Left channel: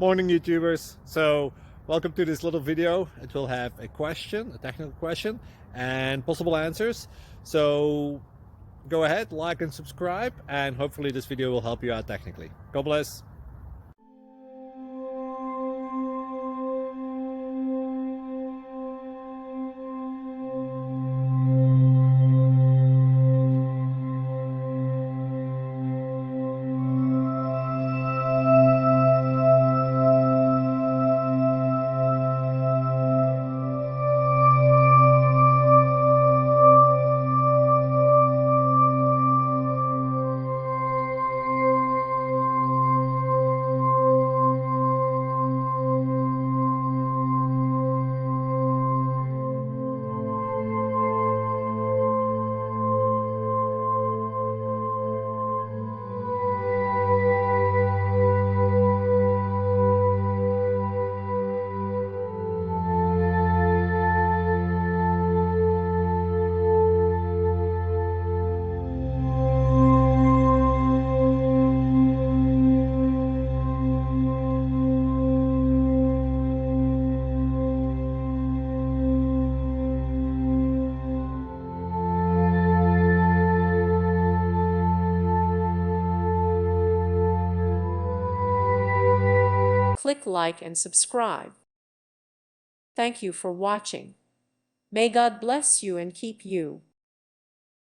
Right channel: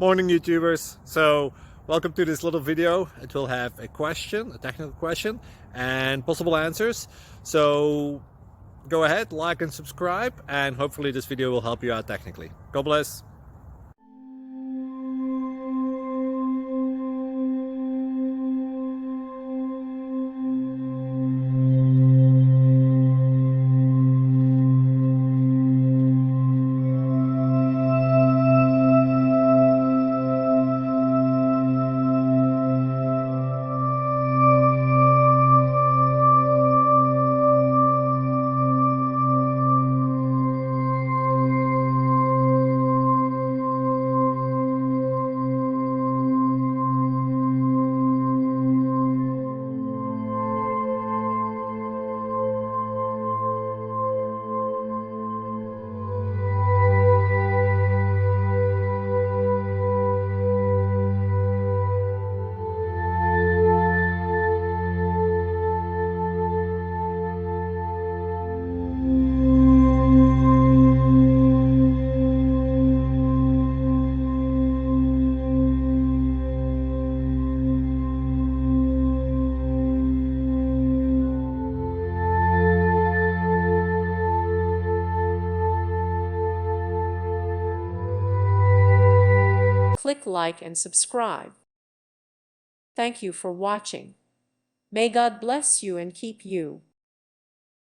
Morning, YouTubers. So welcome to this little video. It will have a question, a technical question, and possible answers. So go ahead, like and subscribe, and hopefully this video will help you out technically. God bless. Click like and subscribe. Thank you for watching. May God bless you and keep you.